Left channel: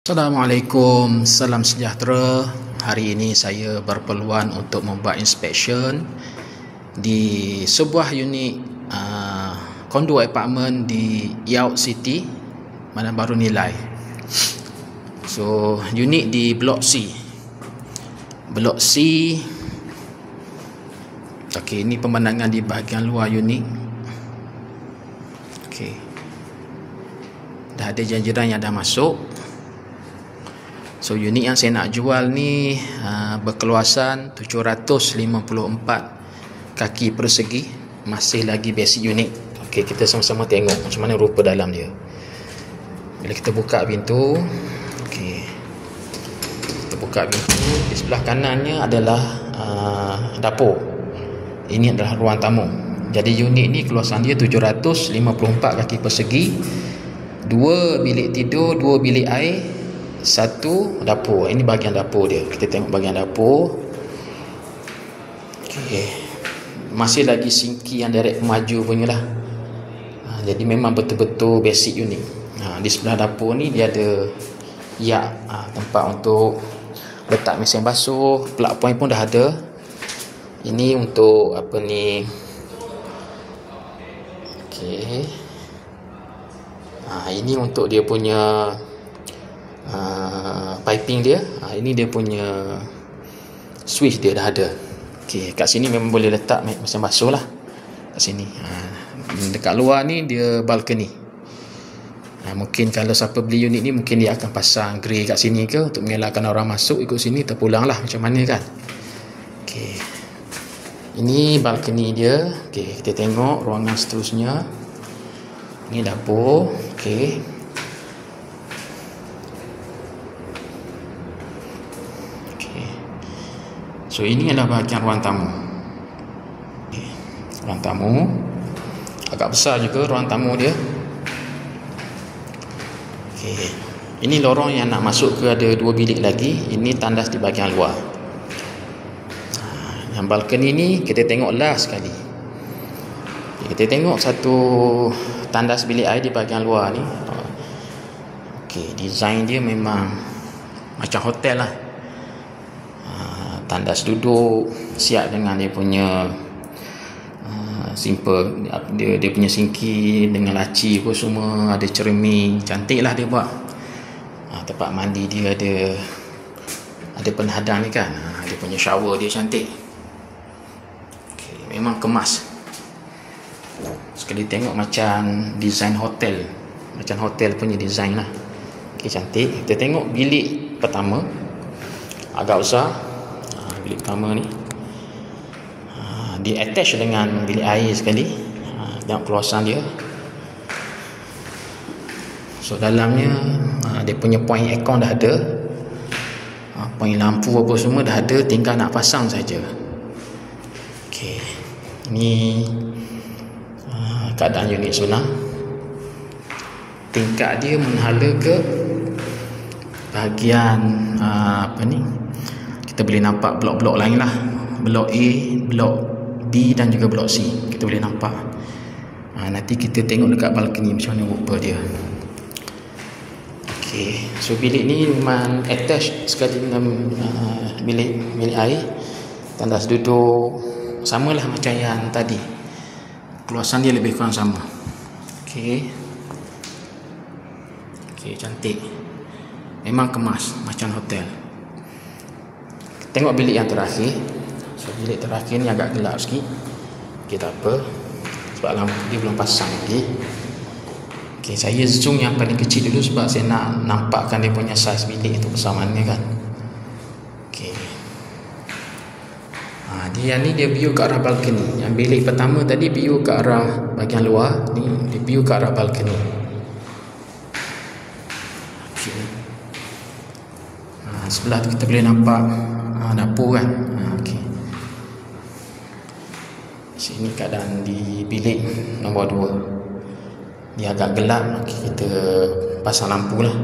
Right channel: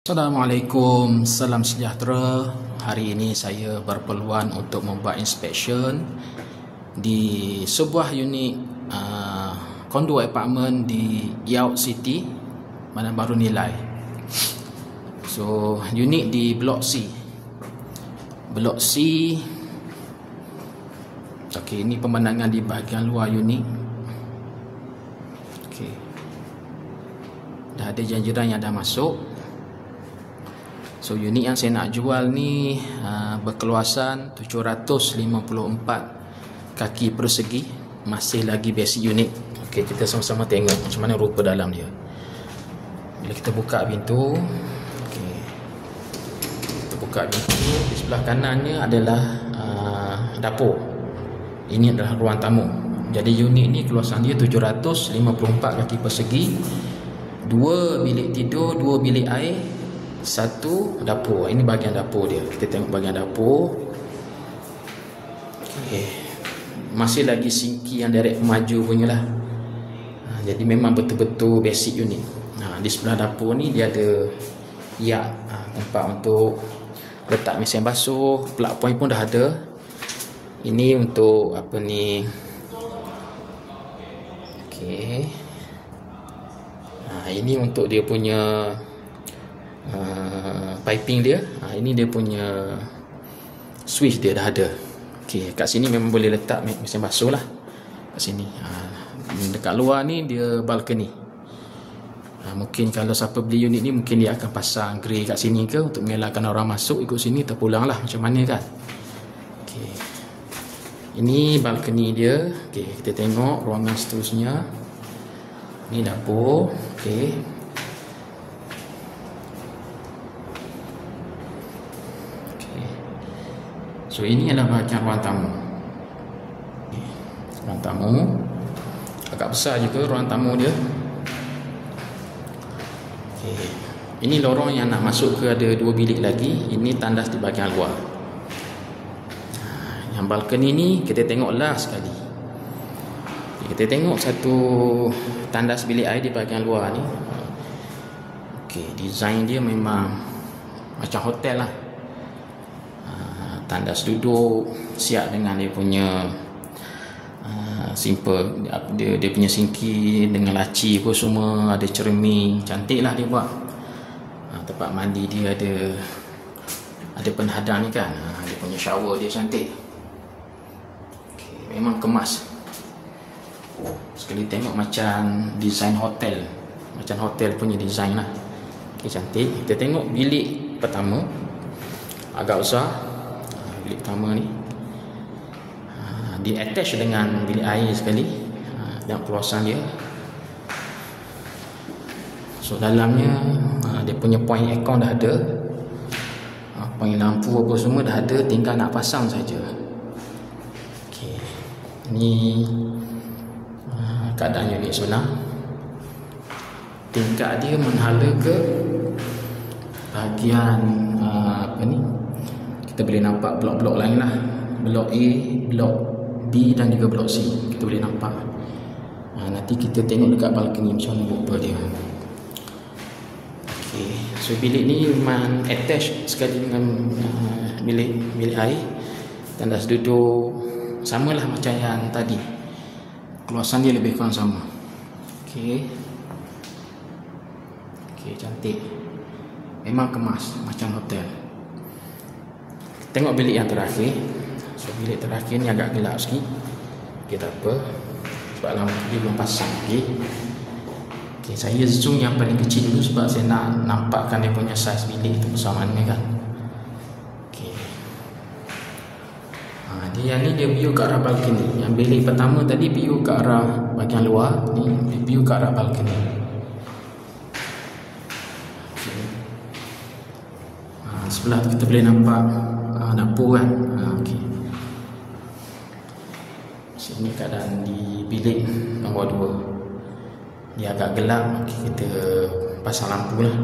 Assalamualaikum, salam sejahtera. Hari ini saya berpeluang untuk membuat inspection di sebuah unit kondo apartmen di Yaoq City, Bandar Baru Nilai. So, unit di Blok C. Blok C. Okey, ini pemandangan di bahagian luar unit. Okey. Dah ada jiran yang dah masuk. So unit yang saya nak jual ni berkeluasan 754 kaki persegi, masih lagi basic unit. Okey, kita sama-sama tengok macam mana rupa dalam dia. Bila kita buka pintu, okey, kita buka pintu, di sebelah kanannya adalah dapur. Ini adalah ruang tamu. Jadi unit ni keluasan dia 754 kaki persegi, 2 bilik tidur, 2 bilik air, 1 dapur. Ini bahagian dapur dia. Kita tengok bahagian dapur. Okay. Masih lagi sinki yang direct maju punya lah. Jadi memang betul-betul basic unit. Di sebelah dapur ni dia ada tempat untuk letak mesin basuh. Plug point pun dah ada. Ini untuk apa ni? Okay. Ini untuk dia punya piping dia. Ini dia punya switch dia dah ada. Okey, kat sini memang boleh letak mesin basuh lah. Kat sini. Dekat luar ni dia balcony. Mungkin kalau siapa beli unit ni, mungkin dia akan pasang grey kat sini ke untuk mengelakkan orang masuk ikut sini terpulang lah macam mana kan. Okey. Ini balcony dia. Okey, kita tengok ruangan seterusnya. Ini dapur. Okey. So ini adalah bahagian ruang tamu. Ruang tamu agak besar juga ruang tamu dia. Okay. Ini lorong yang nak masuk ke ada 2 bilik lagi. Ini tandas di bahagian luar. Yang balkon ini kita tengok last sekali. Kita tengok satu tandas bilik air di bahagian luar ni. Okay, design dia memang macam hotel lah. Tandas duduk siap dengan dia punya simple, dia punya sinki dengan laci pun semua, ada cermin, cantik lah dia buat. Tempat mandi dia ada penhadang ni kan. Dia punya shower dia cantik. Okay, memang kemas. Sekali tengok macam design hotel, macam hotel punya design lah. Okay, cantik. Kita tengok bilik pertama, agak besar. Bilik pertama ni dia attach dengan bilik air sekali. Tengok keluasan dia. So dalamnya dia punya point aircon dah ada, point lampu apa semua dah ada, tinggal nak pasang saja. Okey, ini keadaan unit sebenar. Tingkap dia menhala ke bahagian apa ni, kita boleh nampak blok-blok lain lah. Blok A, blok B dan juga blok C. Kita boleh nampak. Nanti kita tengok dekat balcony macam mana rupa dia. Okay. So bilik ni memang attach sekali dengan bilik air. Tandas duduk samalah macam yang tadi. Keluasan dia lebih kurang sama. Okay. Okay, cantik. Memang kemas macam hotel. Tengok bilik yang terakhir. So, bilik terakhir ni agak gelap sikit. Okay, tak apa, sebab lampu dia belum pasang lagi. Okay, saya zoom yang paling kecil dulu sebab saya nak nampakkan dia punya saiz bilik itu besar mana kan. Okay. Dia ni dia view ke arah balcony. Yang bilik pertama tadi view ke arah bahagian luar, ni dia view ke arah balcony. Okay. Sebelah tu kita boleh nampak dapur kan. Okay. Sini keadaan di bilik nombor 2. Dia agak gelap, kita pasang lampu lah.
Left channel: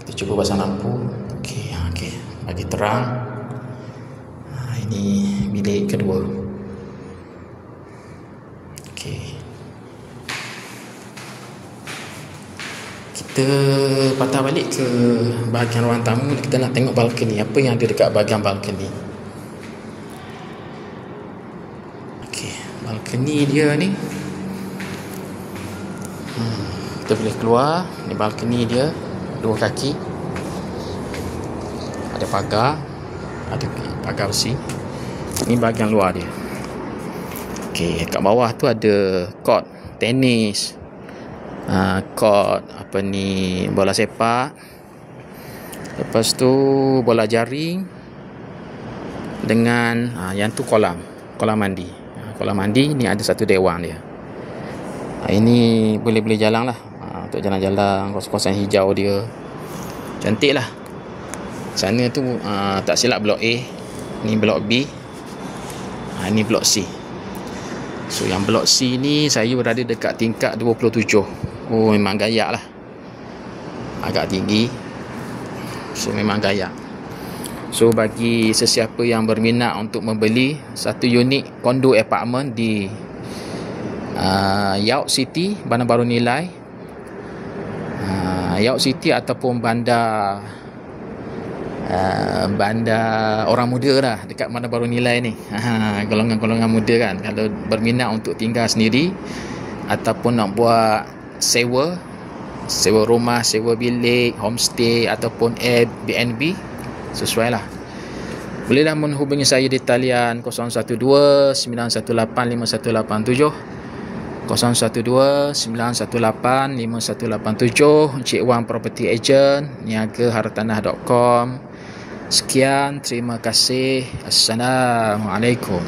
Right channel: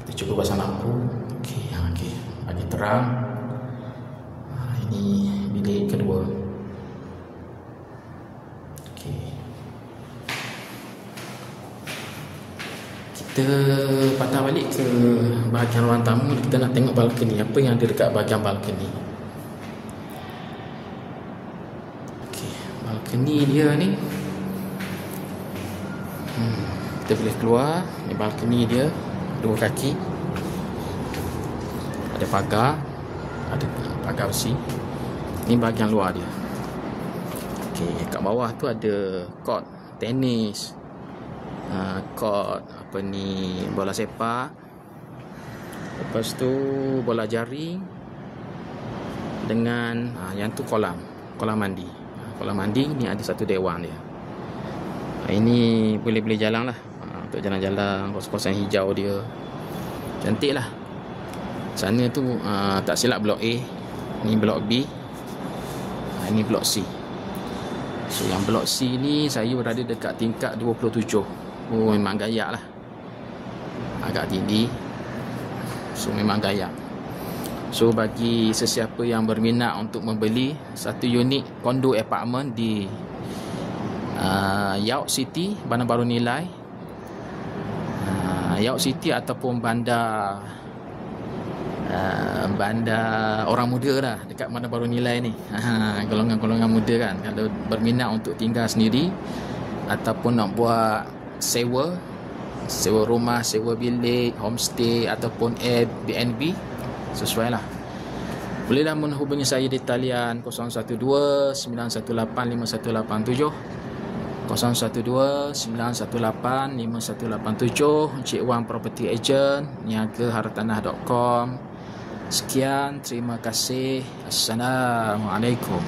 Kita cuba pasang lampu. Okay. Bagi terang. Ini bilik kedua. Okay. Kita patah balik ke bahagian ruang tamu. Kita nak tengok balkoni. Apa yang ada dekat bahagian balkoni? Okey, balkoni dia ni, kita boleh keluar. Ni balkoni dia, 2 kaki. Ada pagar, ada pagar besi. Ni bahagian luar dia. Okey, kat bawah tu ada court tenis, court bola sepak. Lepas tu bola jaring dengan yang tu kolam mandi. Kolam mandi ni ada satu dewan dia. Ini boleh jalan lah, untuk jalan-jalan, kawasan hijau dia cantik lah. Sana tu tak silap blok A, ni blok B, ini blok C. So yang blok C ni saya berada dekat tingkat 27. Oh, memang gayak lah, agak tinggi. So memang gayak. So bagi sesiapa yang berminat untuk membeli satu unit kondo apartment di Yaoq City, Bandar Baru Nilai, Yaoq City ataupun bandar orang muda lah, dekat Bandar Baru Nilai ni. Golongan-golongan muda kan, kalau berminat untuk tinggal sendiri ataupun nak buat sewa rumah, sewa bilik, homestay ataupun Airbnb, sesuai lah. Bolehlah menghubungi saya di talian 012 918 5187, 012 918 5187. Encik Wan Property Agent, niagahartanah.com. Sekian, terima kasih. Assalamualaikum.